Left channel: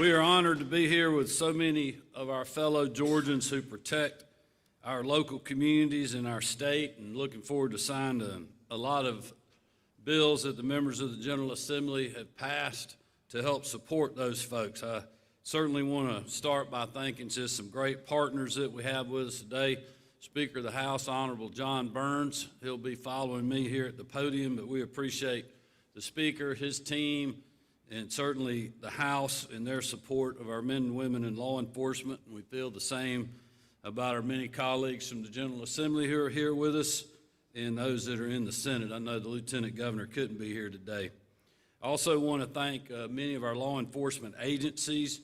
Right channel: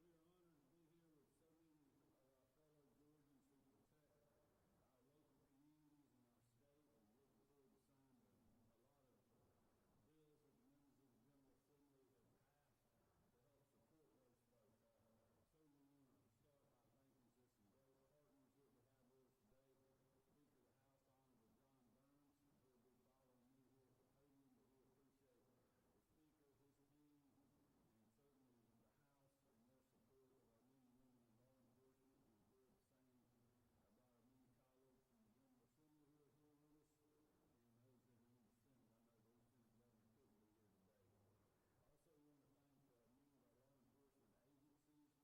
We are honored to be here with so many of our fellow Georgians who protect our local communities and our state, and looking forward to signing a lot of bills that the members of the General Assembly have passed to help support those folks. I certainly want to start by thanking just some great partners that we have with us today. Speaker of the House, Honorable John Burns. He'll be following me here at the podium, but we appreciate the Speaker, his team, and certainly the House and their support of our men and women in law enforcement. And we feel the same about our many colleagues from the General Assembly who are here with us and those that are in the Senate. I know the Lieutenant Governor couldn't be here today. I also want to thank many of our law enforcement agencies,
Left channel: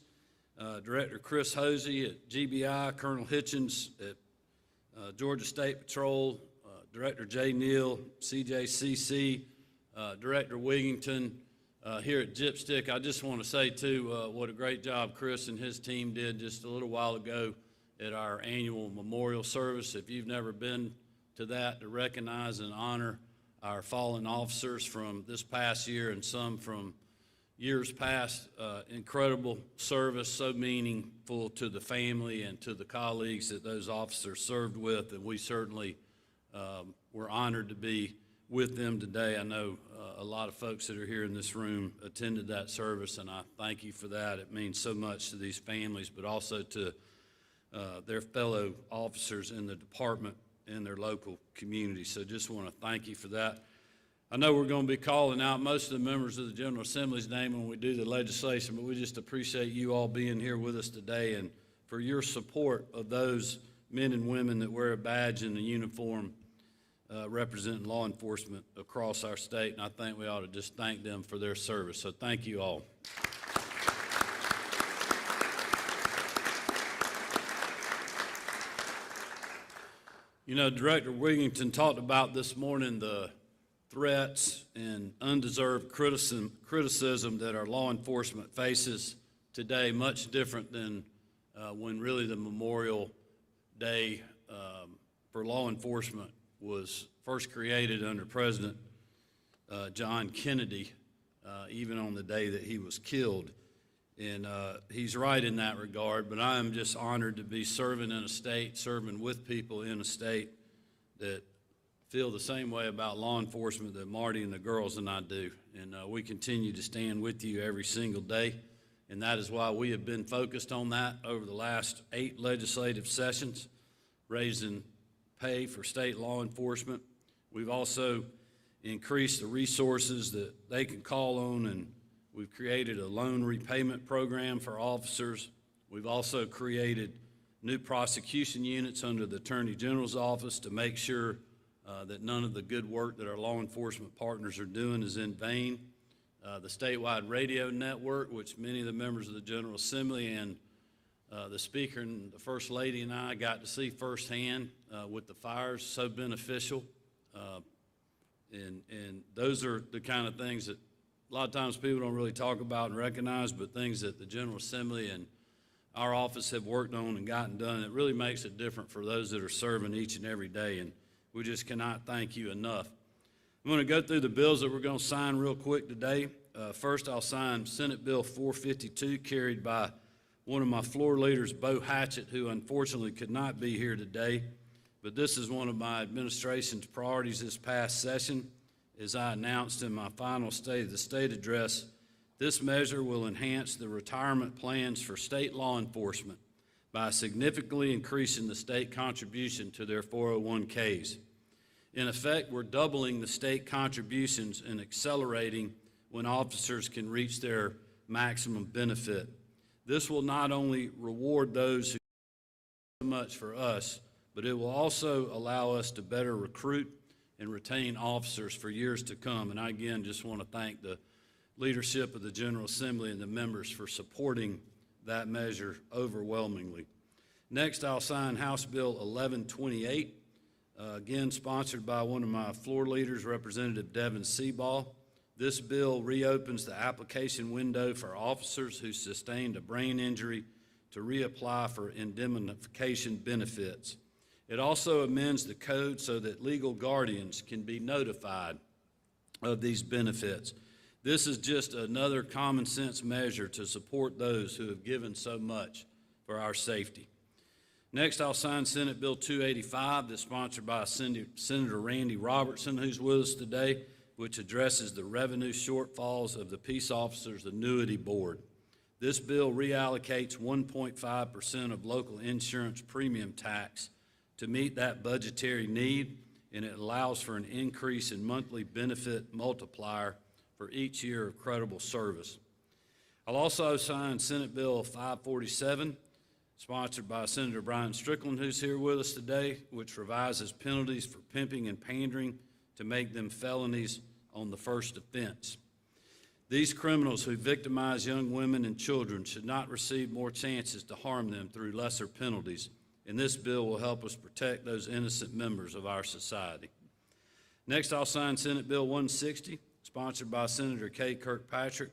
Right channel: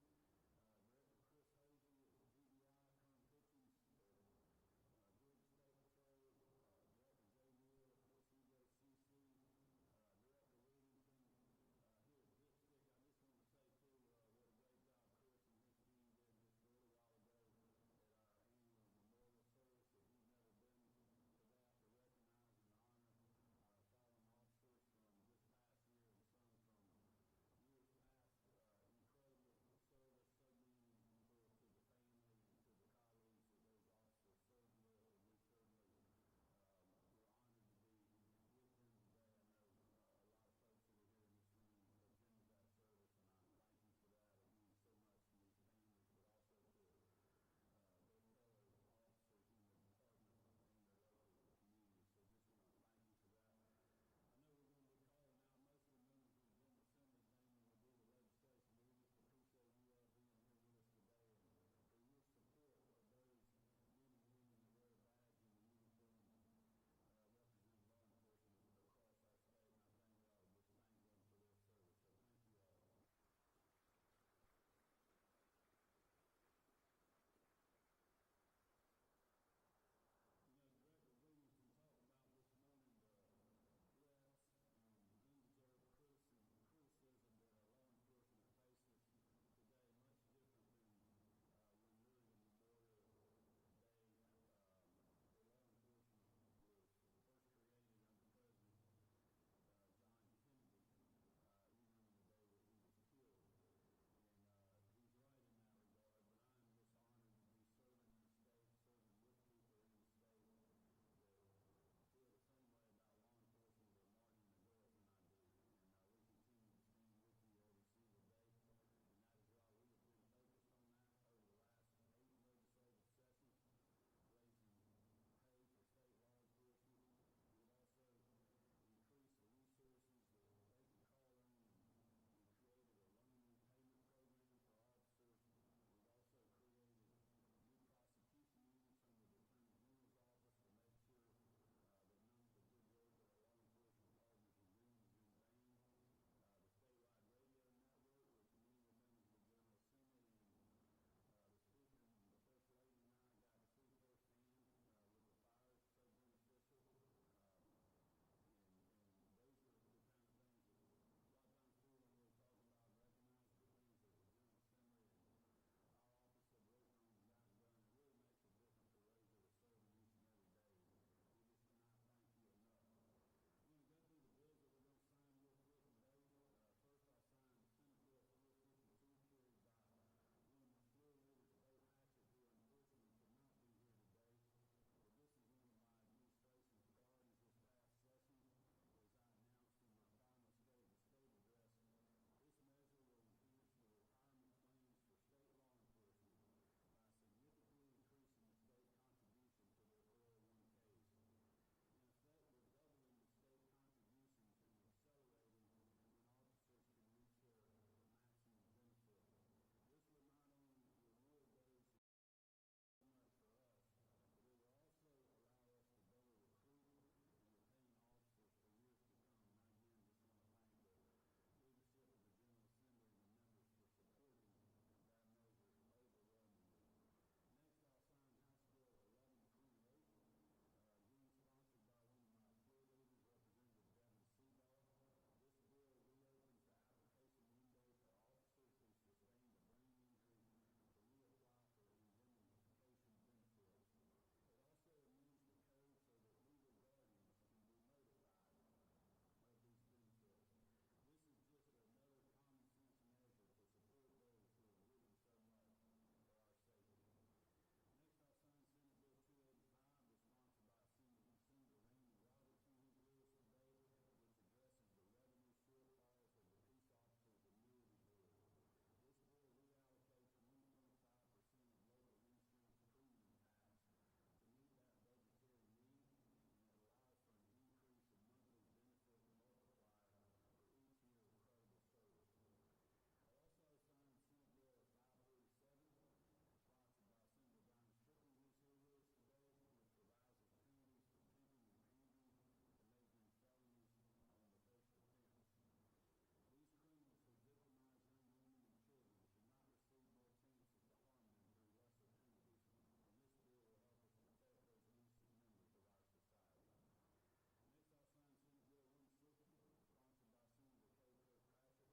Director Chris Hosey at GBI, Colonel Hitchens at Georgia State Patrol, Director Jay Neal, CJCC, Director Wigington, here at Gypstick. I just want to say, too, what a great job Chris and his team did just a little while ago at our annual memorial service. If you've never been to that, to recognize and honor our fallen officers from this past year and some from years past, incredible service, so meaningful to the family and to the colleagues that those officers served with, and we certainly were honored to be with them today. I know a lot of folks that are here in this room attended that service, and I thank you for that. It means so much to these families, but also to their fellow officers in the department and their local community. So just want to thank you for that. I know we're going to be calling out most of the members of the General Assembly's name when we do the legislation, but we just appreciate you all being here with us today and for your support of those men and women that wear a badge and a uniform representing law enforcement across our state, and I think we ought to just thank them for their service. So thank you all. You know, Director Wigington talked about this morning the threats and undeserved criticism that our law enforcement faces today, much different than when really the Memorial Day for law enforcement was first created under President John Kennedy, even on the day that he was killed. And he's right in that regard, but I am just honored to be serving in a state, serving with people in a state that feel the same way about law enforcement that Marty and the girls and I do. And we continue to stand with you every single day, and that is why we have been focused on that over the last 8 legislative sessions, raising pay for state law enforcement. We've also increased the resources that they can call on, and we've created a loan repayment program for officers. We've also created new prosecution units under the Attorney General's office to make sure that none of the good work that our law enforcement partners are doing is in vain. The statewide radio network, which many of the members of the General Assembly and the Speaker and the First Lady and I got to see firsthand with the fires, so beneficial. And those are the kind of things that a lot of times people don't really talk about and recognize, but things that the General Assembly and our office have worked on and gotten done. It really makes it different for those that are serving each and every day, and we just cannot thank you enough. I'm going to go through the bills that we're going to sign real quick today. First, I'll sign Senate Bill 452, carried by one of my floor leaders, Bo Hatchett, who unfortunately could not be here today. But this is one of my administration's priorities this past session. As I announced in my final State of the State address, this measure will enhance the retirement plans for state law enforcement by significantly increasing the state contribution to their 401ks. In effect, we're doubling the state contributions and accelerating when officers can reach their maximum benefit. This will not only reward those who do so much for us, but it will also allow us to better recruit and retain officers for years to come. And I again just want to thank the leadership of the General Assembly and the members for supporting that measure overwhelmingly. Next, I'll sign House Bill 1128, again sponsored by one of my floor leaders, Representative Devin Seabaugh. This bill reopens the application window for officers who sustained a brain injury to reapply for indemnification benefits. It also amends the code so that legal guardians can be notified of these benefits. This is just another common sense measure to support those who have given so much for our safety. Next, I'll sign Senate Bill 285 that's sponsored by Senator Randy Robertson, who's with us today, which addresses the revenue shortfalls of the Peace Officers Annuity Board. This bill reallocates 1.5% of local insurance premium tax to meet that budgetary need, and it allows for an increase in monthly benefit multiplier for each year of credible service. I'll also sign Senate Bill 547, sponsored by Senator Brian Strickland, who's here with us today, which revises penalties for pimping and pandering to make them felonies on the first offense. These criminals who victimize young women and children should not receive more chances to harm them through lesser penalties, and this bill will help us protect those innocent members of our society. Next, I'll sign Senate Bill 160, sponsored by Senator Kay Kirkpatrick.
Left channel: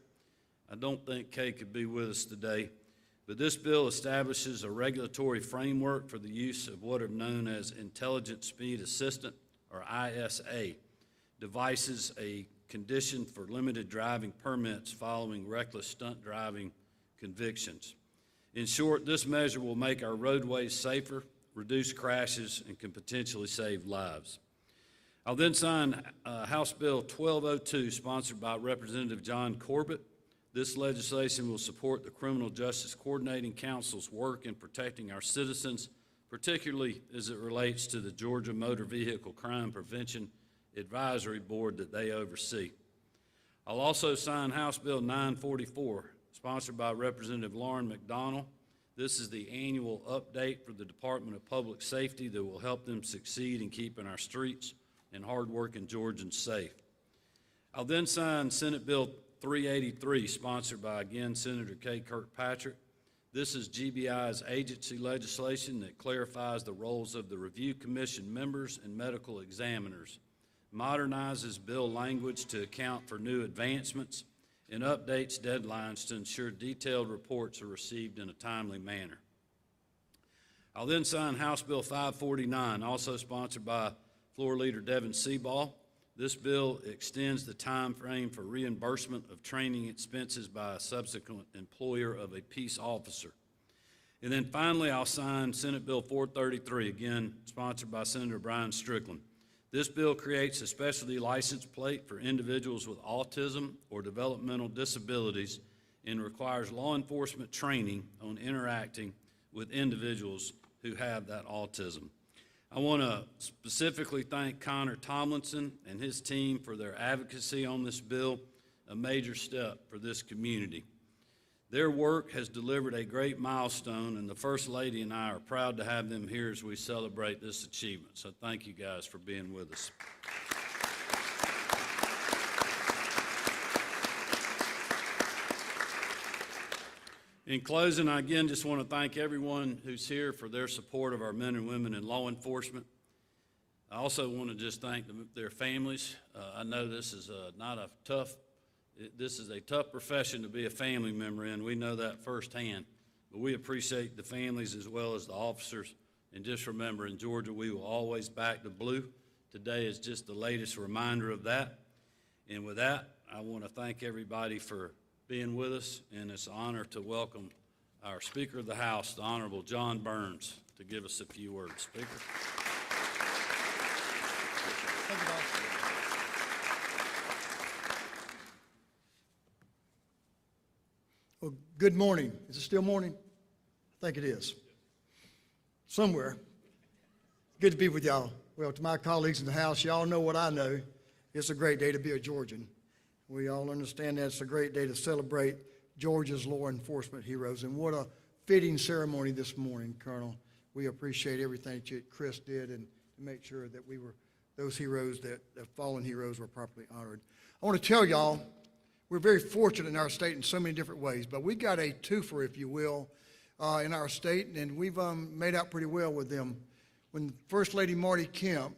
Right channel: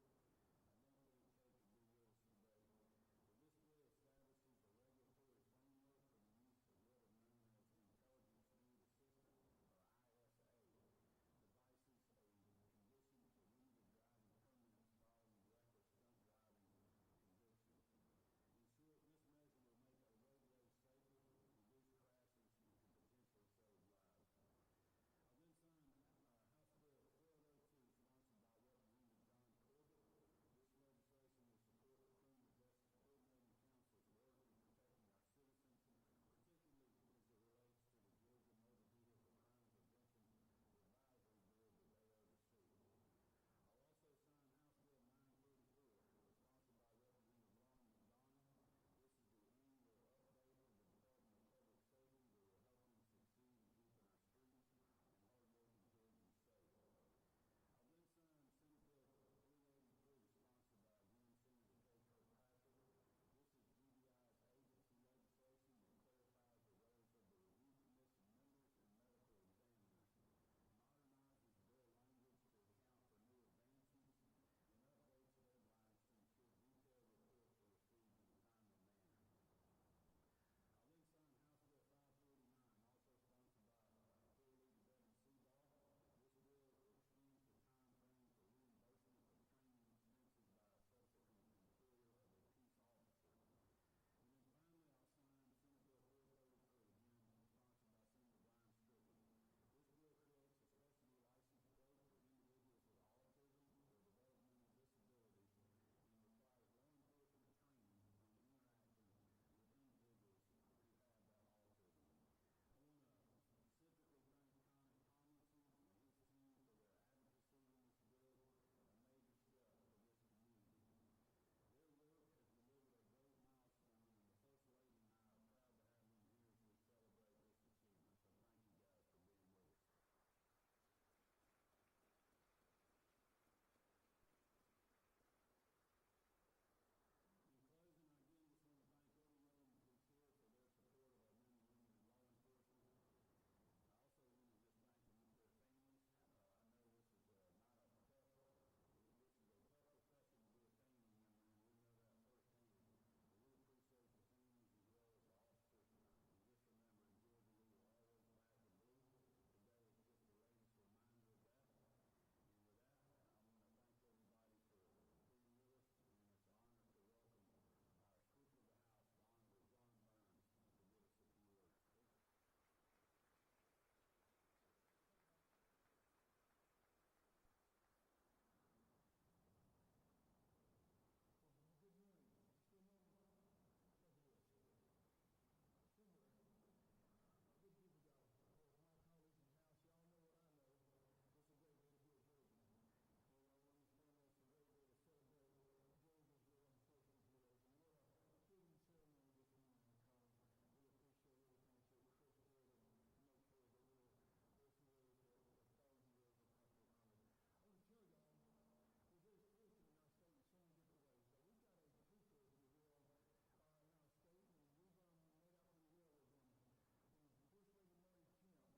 I don't think Kay could be with us today, but this bill establishes a regulatory framework for the use of what are known as Intelligent Speed Assistant, or ISA, devices, a condition for limited driving permits following reckless stunt driving convictions. In short, this measure will make our roadways safer, reduce crashes, and can potentially save lives. I'll then sign House Bill 1202, sponsored by Representative John Corbett. This legislation will support the Criminal Justice Coordinating Council's work in protecting our citizens, particularly as it relates to the Georgia Motor Vehicle Crime Prevention Advisory Board that they oversee. I'll also sign House Bill 944, sponsored by Representative Lauren McDonald. This is the annual update for the Department of Public Safety that will help them succeed in keeping our streets and hardworking Georgians safe. I'll then sign Senate Bill 383, sponsored by, again, Senator Kay Kirkpatrick. This is GBI's agency legislation that clarifies the roles of the Review Commission members and medical examiners, modernizes bill language to account for new advancements, and updates deadlines to ensure detailed reports are received in a timely manner. I'll then sign House Bill 549, also sponsored by Floor Leader Devin Seaball. This bill extends the time frame for reimbursement of training expenses by a subsequent employer of a peace officer. And then finally, I'll sign Senate Bill 433, again sponsored by Senator Brian Strickland. This bill creates a specialty license plate for individuals with autism or developmental disabilities and requires law enforcement training on interacting with individuals who have that autism. I want to specifically thank Connor Tomlinson and his team for their advocacy on this bill, a major step for this community. Their work has delivered a great milestone, and the First Lady and I are proud to have them here as we celebrate this achievement. So thank you guys for being with us. In closing, I again just want to thank everyone who's here for their support of our men and women in law enforcement. I also want to just thank their families. I know this is this is a tough profession to be a family member in. We know that firsthand, but we appreciate the families as well as the officers. And just remember, in Georgia, we will always back the blue. Today is just the latest reminder of that. And with that, I want to thank everybody for being with us, and it's an honor to welcome our Speaker of the House, the Honorable John Burns, to give us a few words. Speaker. Thank you, boss. Well, good morning. Is it still morning? I think it is. Somewhere. Good to be with y'all. Well, to my colleagues in the House, y'all know what I know. It's a great day to be a Georgian. We all understand that it's a great day to celebrate Georgia's law enforcement heroes. And what a fitting ceremony this morning, Colonel. We appreciate everything that Chris did and to make sure that those heroes, the fallen heroes, were properly honored. I want to tell y'all, we're very fortunate in our state in so many different ways, but we got a twofer, if you will, in our state, and we've made out pretty well with them. When First Lady Marty Kemp,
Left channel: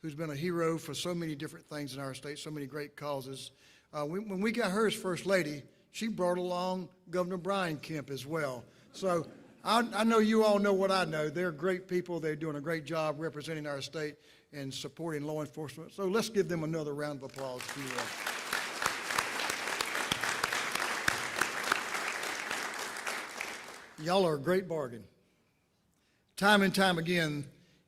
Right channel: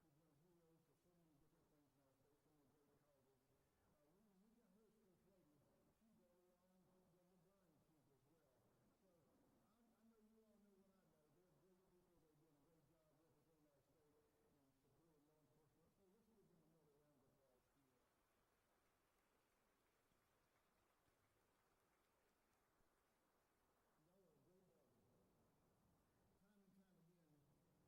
who's been a hero for so many different things in our state, so many great causes, when we got her as First Lady, she brought along Governor Brian Kemp as well. So I know you all know what I know. They're great people. They're doing a great job representing our state and supporting law enforcement. So let's give them another round of applause, if you will. Y'all are a great bargain. Time and time again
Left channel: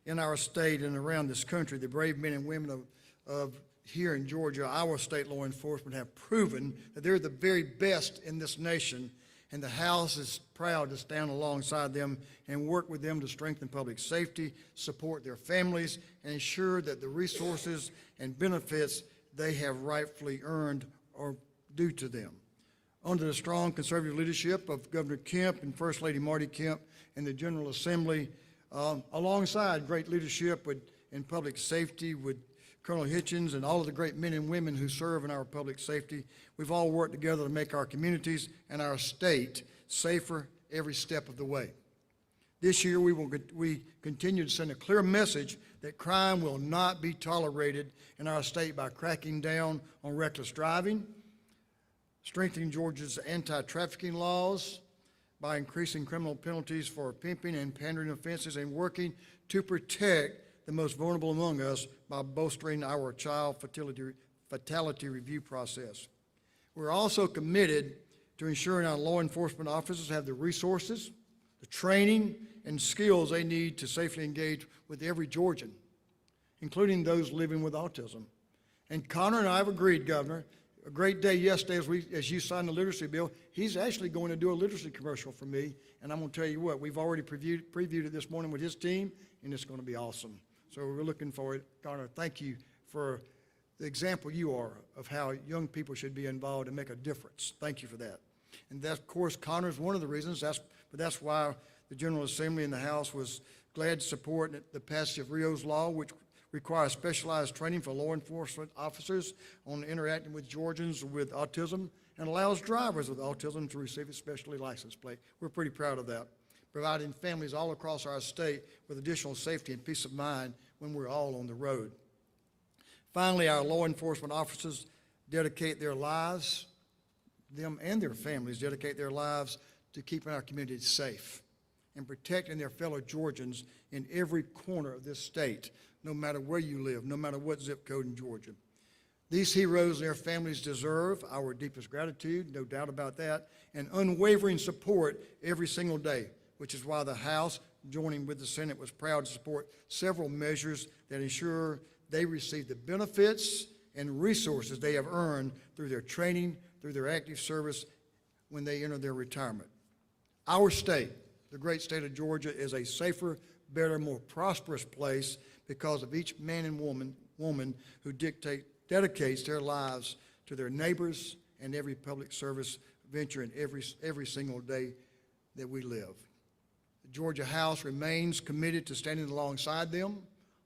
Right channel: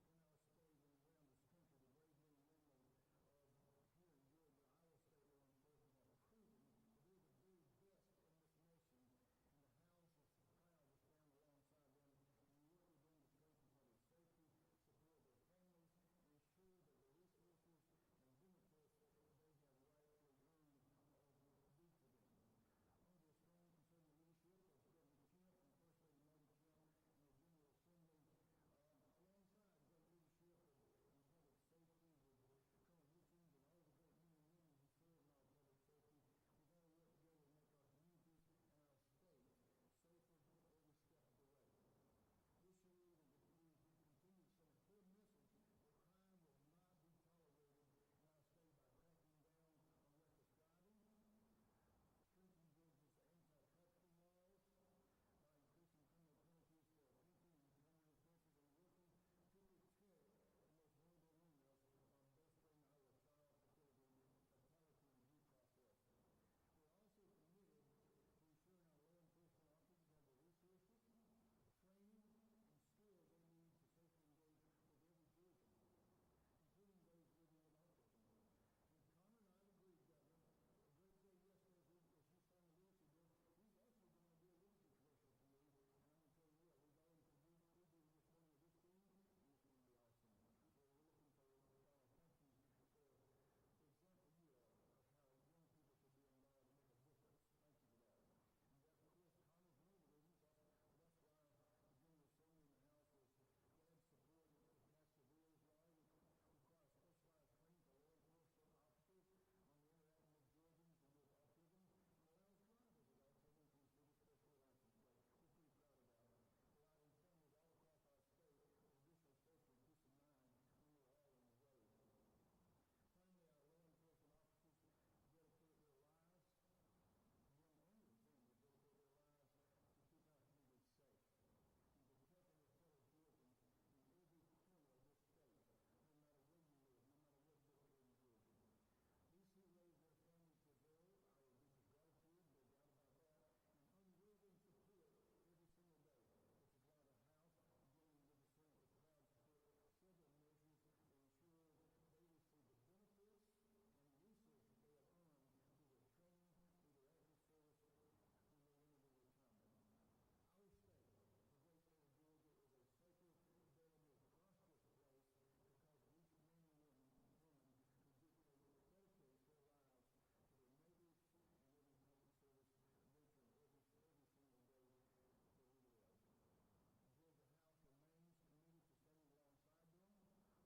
in our state and around this country, the brave men and women of here in Georgia, our state law enforcement have proven that they're the very best in this nation, and the House is proud to stand alongside them and work with them to strengthen public safety, support their families, and ensure that the resources and benefits they have rightfully earned are due to them. Under the strong conservative leadership of Governor Kemp and First Lady Marty Kemp and the General Assembly, alongside great leadership in public safety with Colonel Hitchens and all of the great men and women who serve in our public safety, we've all worked together to make our communities and our state safer every step of the way. This year, we continue to send a clear message that crime will not be tolerated in our state by cracking down on reckless driving, strengthening Georgia's anti-trafficking laws, by increasing criminal penalties for pimping and pandering offenses, and working to protect the most vulnerable among us by bolstering our child fatality review process. We're also committed to ensuring our law enforcement officers have the resources, the training, and skills they need to safely engage with every Georgian, including those living with autism. And Connor and I have agreed, Governor, a great day yesterday as you signed the literacy bill. He's actually going to do a literacy commercial for me, and I'm going to tell you what, we've already previewed it this morning with his team, and it's going to be awesome. So we're looking forward. Connor, thank you for the example you are of how young people should be involved and make a difference. Thank you for that. And that, of course, Connor is one of the reasons, but that's why the General Assembly in the House was glad to support the passage of Rio's Law, which requires specialized training for law enforcement officers on interacting with Georgians with autism, and allows drivers with autism to receive a specialty license plate. We're pretty proud of that, providing families all across our state with additional safety and peace of mind when we're all on the road. Finally, our law enforcement officers dedicate their lives, them and their families dedicate their lives to keeping our communities safe and protecting their fellow Georgians in every corner of this state, no matter where you live, no matter what zip code in Georgia. These heroes and their families deserve our deepest gratitude, no doubt about that, and unwavering support every single day, which is why the House, joining with the Senate, was proud to support several measures that ensure they receive the benefits and resources they have earned through their training, through their active service when they enter their retirement. Our state, the great state of Georgia, is a safer, better, more prosperous place because of each man and woman who dedicates their lives to their neighbors and every public service venture in every single day that we live. The Georgia House remains committed to standing alongside them,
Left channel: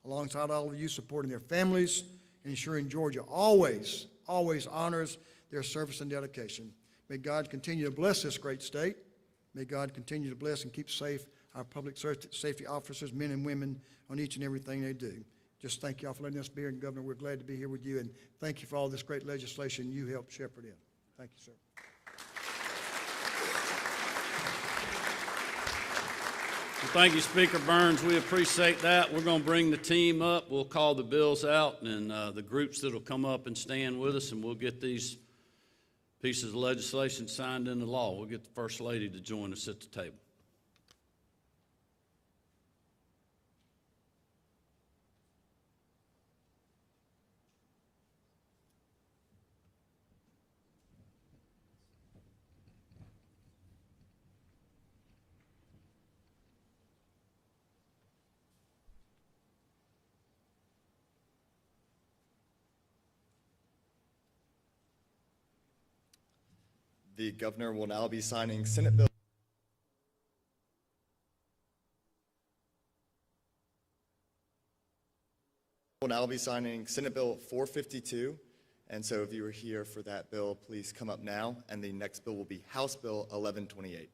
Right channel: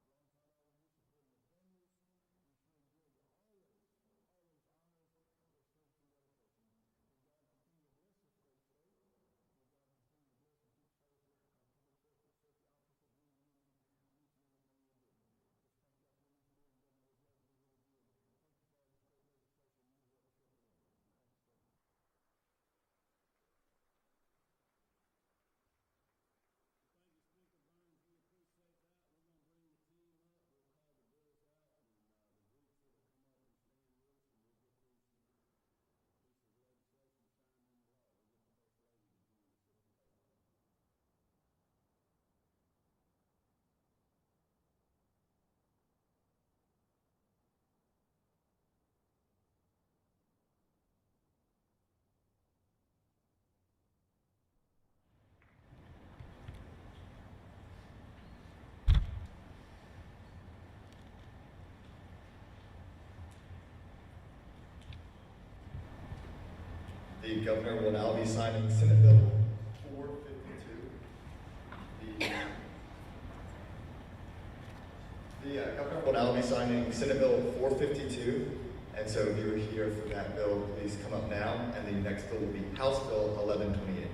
alongside all of you, supporting their families, and ensuring Georgia always honors their service and dedication. May God continue to bless this great state. May God continue to bless and keep safe our public safety officers, men and women, on each and everything they do. Just thank you all for letting us be here, and Governor, we're glad to be here with you, and thank you for all this great legislation you helped shepherd in. Thank you, sir. Well, thank you, Speaker Burns. We appreciate that. We're going to bring the team up. We'll call the bills out, and the groups that will come up and stand with us, and we'll get these pieces of legislation signed into law. We'll get the First Lady to join us at the table. The Governor will now be signing Senate Bill 452. The Governor will now be signing Senate Bill 452, and so if you're here for that bill, please come up now, and the next bill will be House Bill 1128.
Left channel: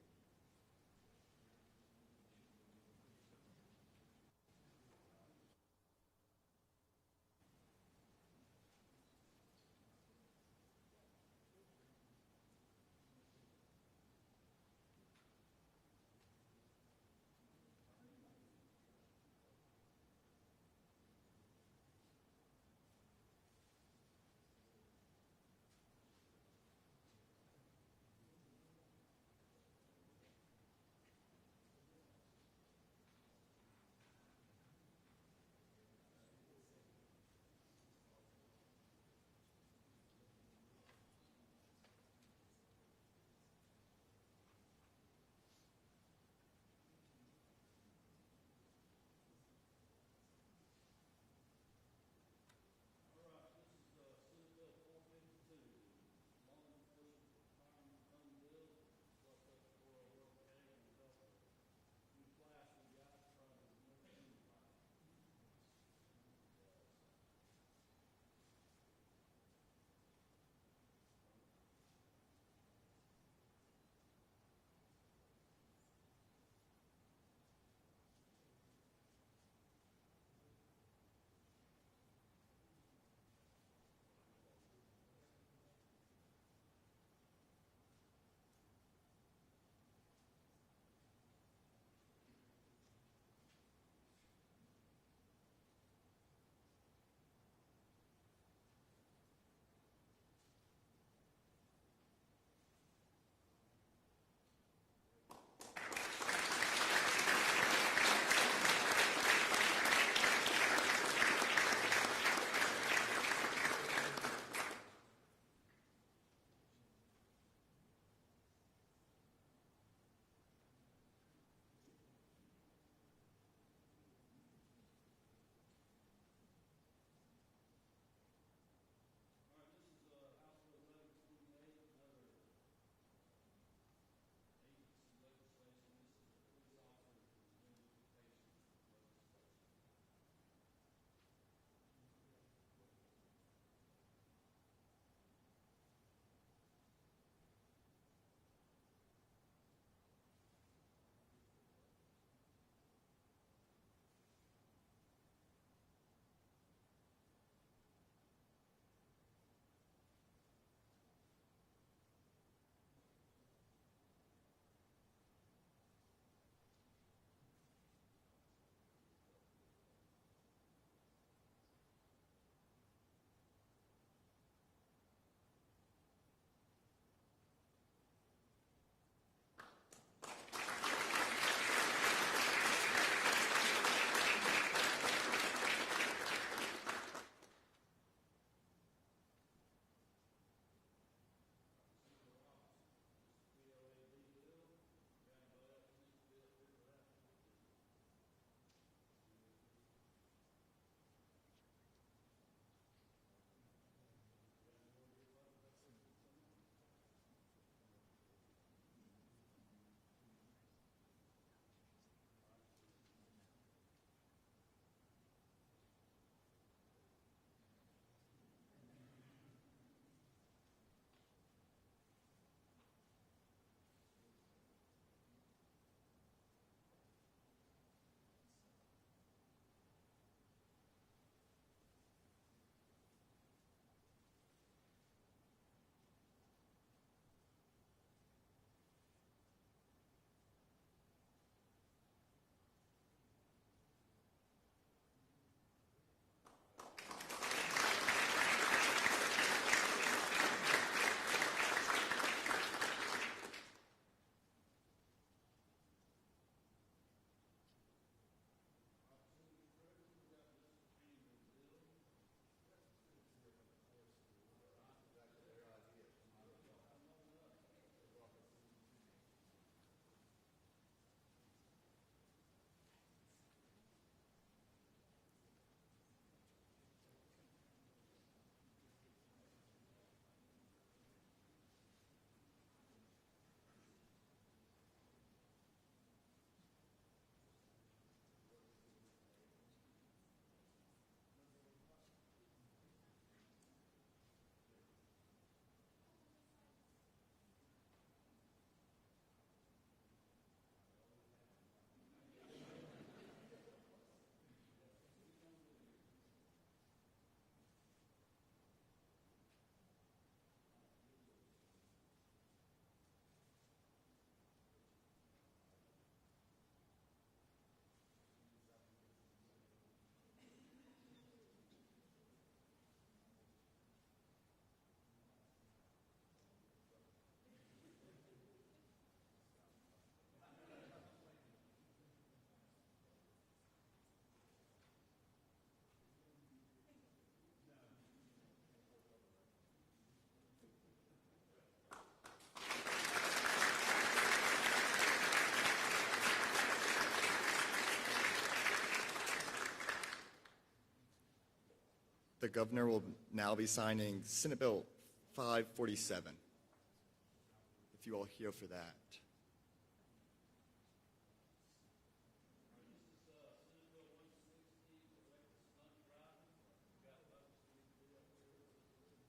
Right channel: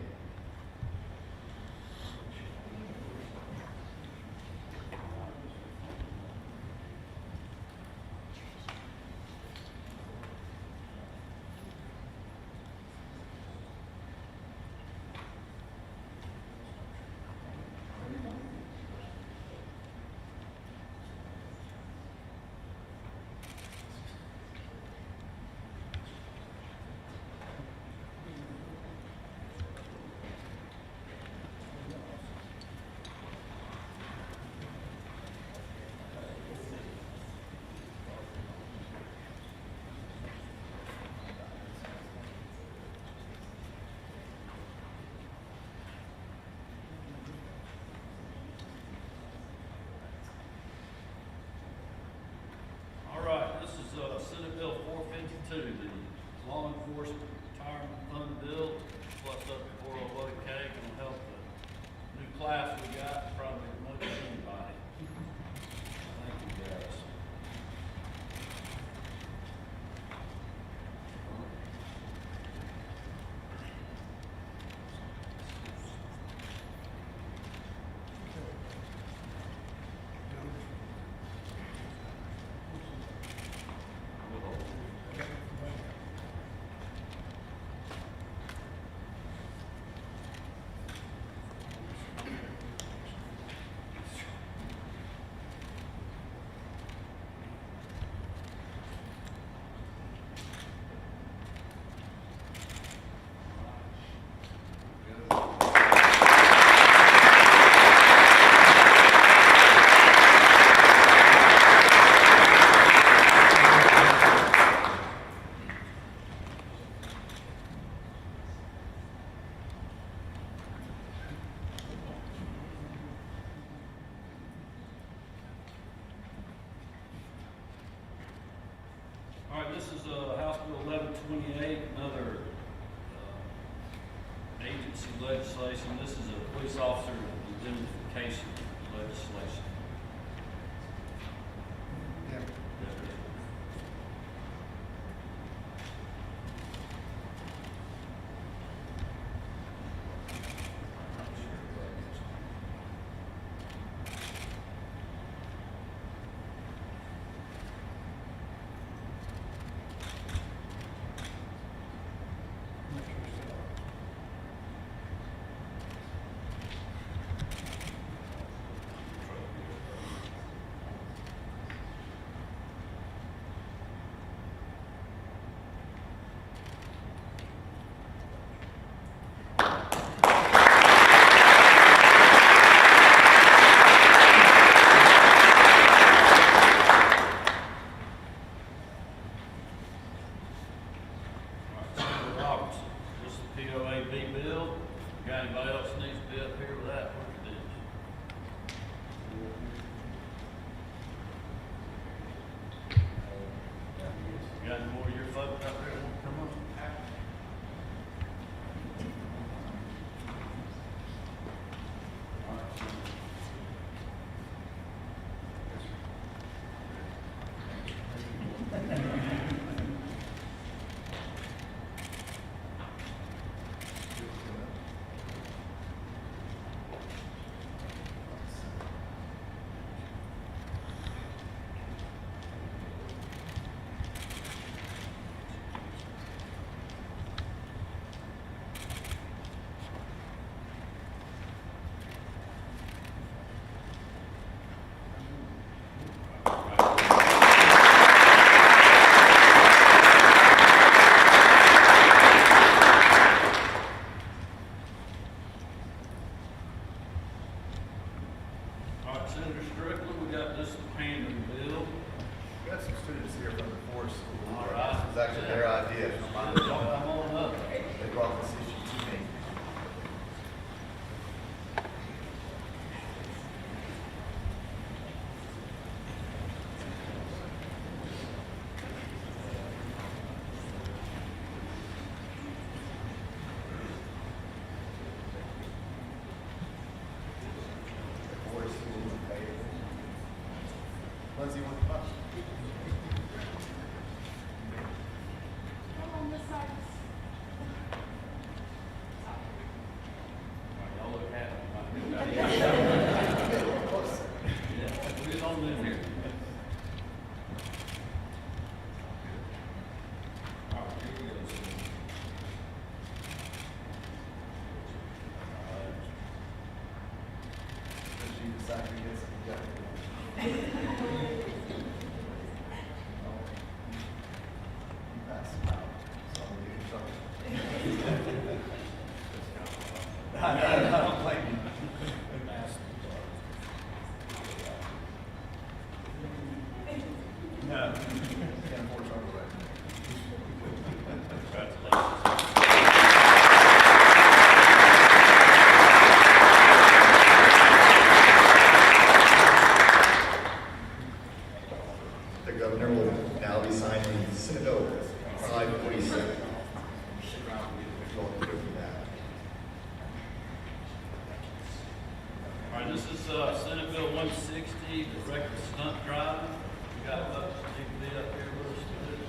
this is Senate Bill 160, the reckless stunt driving. We got folks that need to be up here with us today.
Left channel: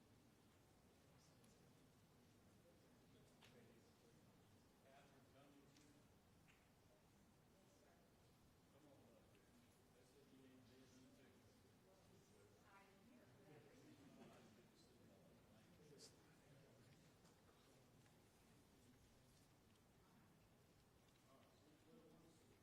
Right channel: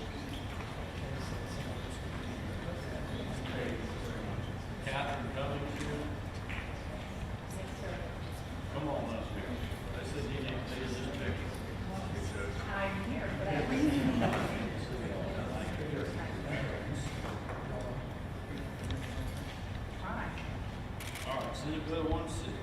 Catherine Cummings here. Come on up here. They said you need to be in this picture. I'm here for that reason. All right, Senate Bill 160.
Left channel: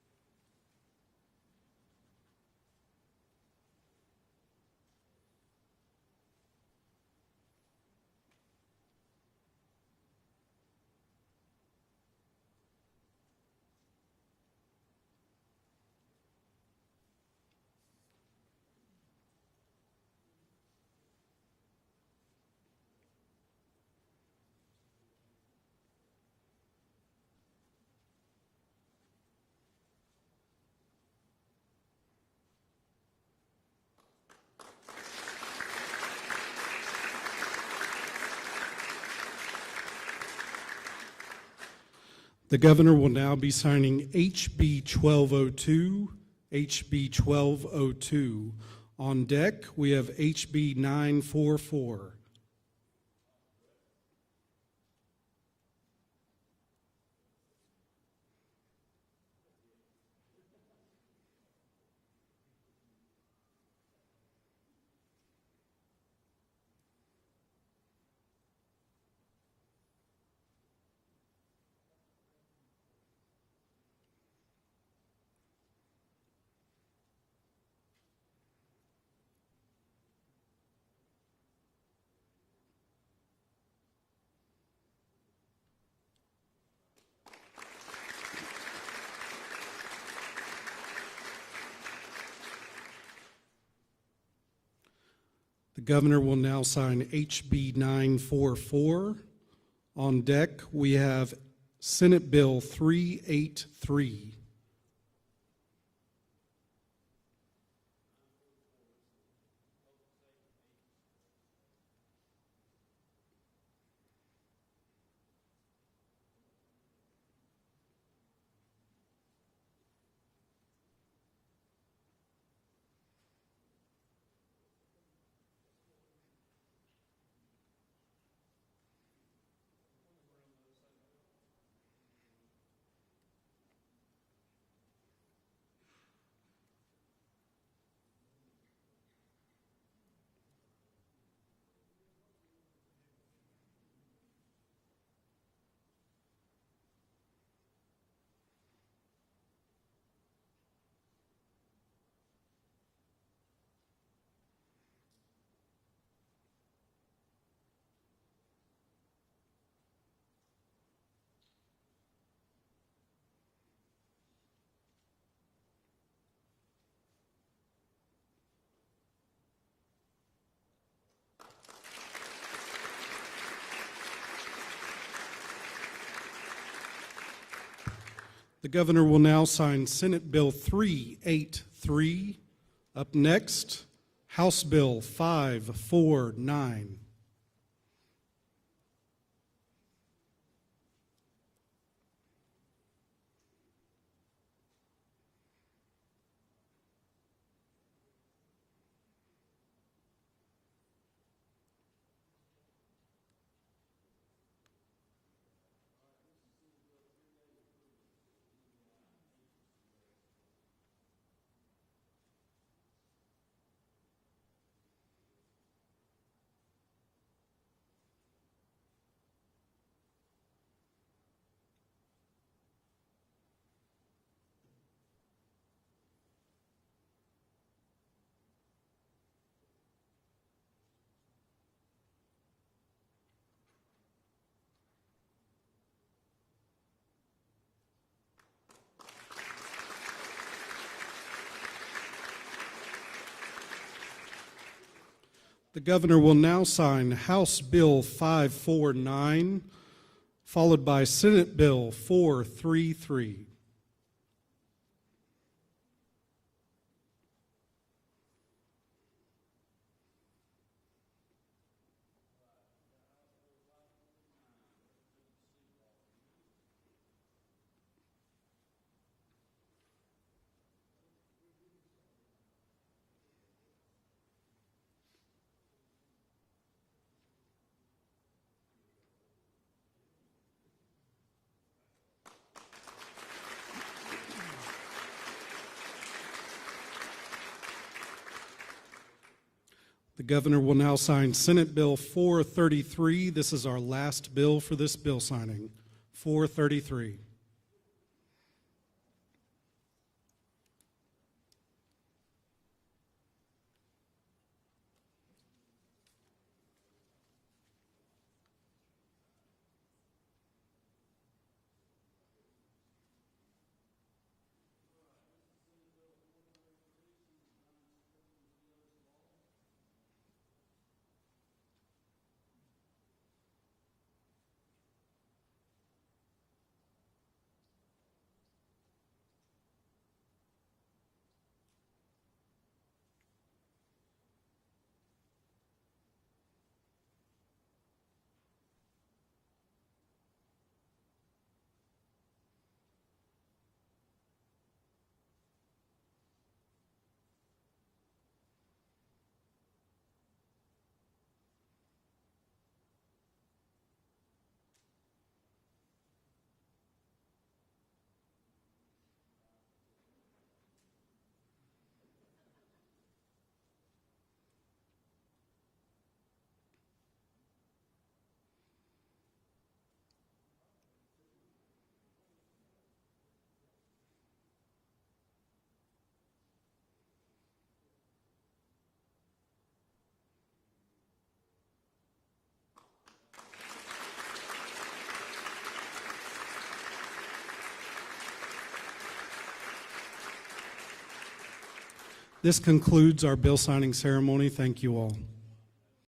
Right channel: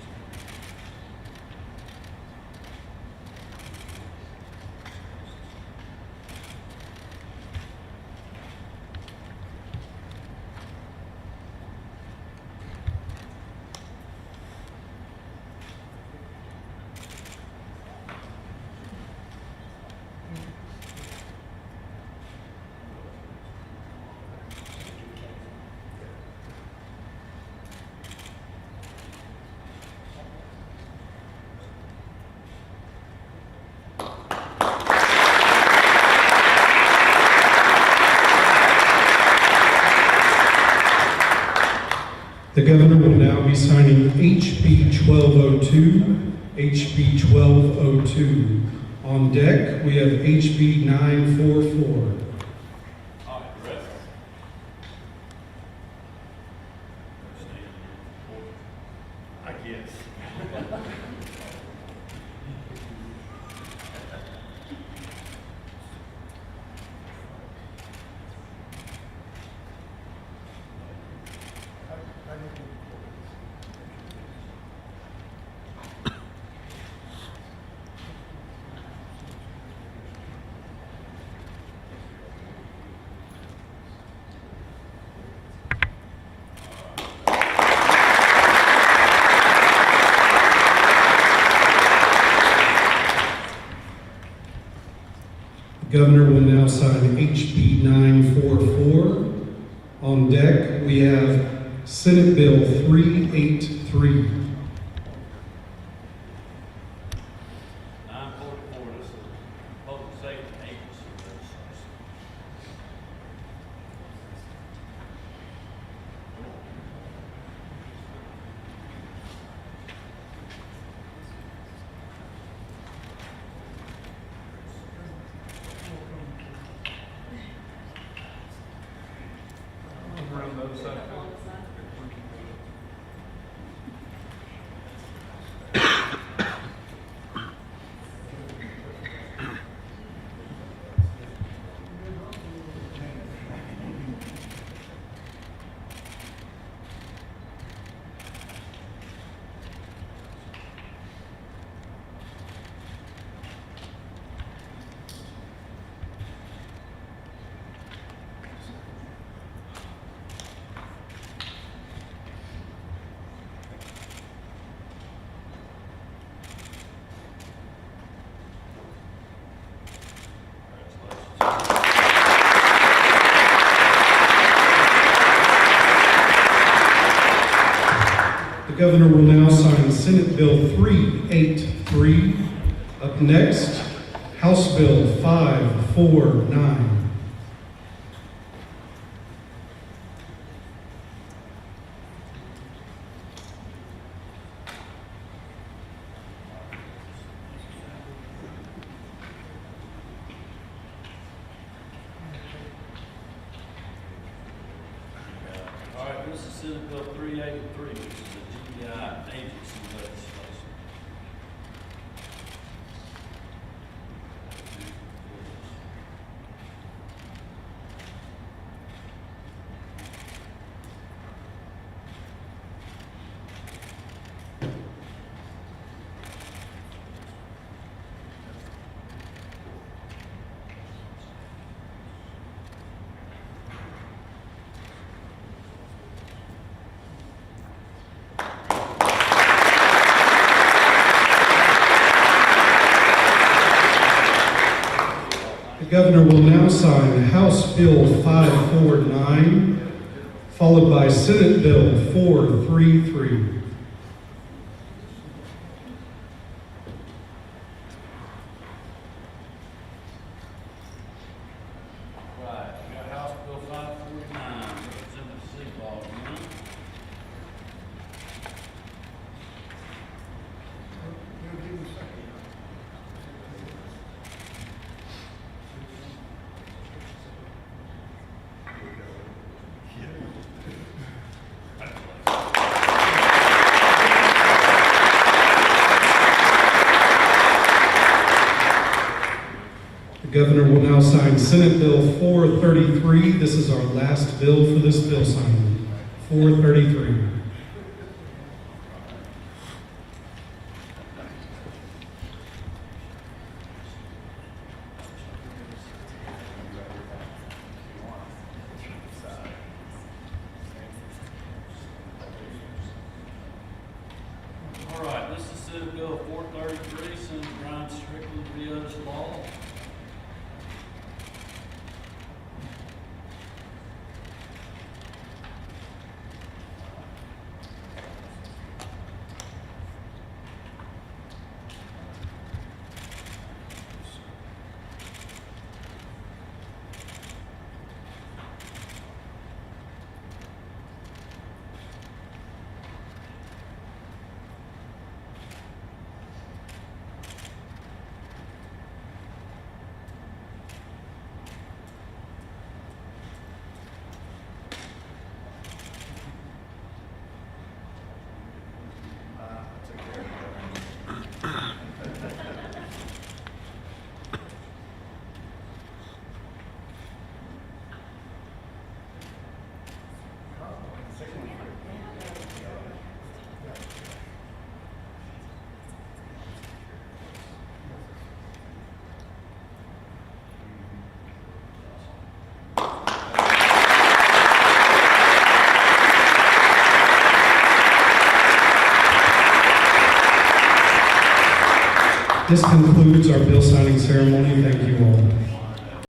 The governor will now be signing HB 1202, HB 1202. On deck, we have HB 944. All right, Brett. I guess. The governor will now sign HB 944. On deck, we have Senate Bill 383. 944, this is public safety agency legislation. The governor will now sign Senate Bill 383. Up next, House Bill 549. All right, this is Senate Bill 383, which is the GBI agency legislation. The governor will now sign House Bill 549, followed by Senate Bill 433. Right, we got House Bill 549, Representative Seabaugh, Senate Bill 433. This is our last bill for this bill signing. 433. All right, this is Senate Bill 433, Senator Brian Strickland vetoes law. This concludes our bill signing ceremony. Thank you all.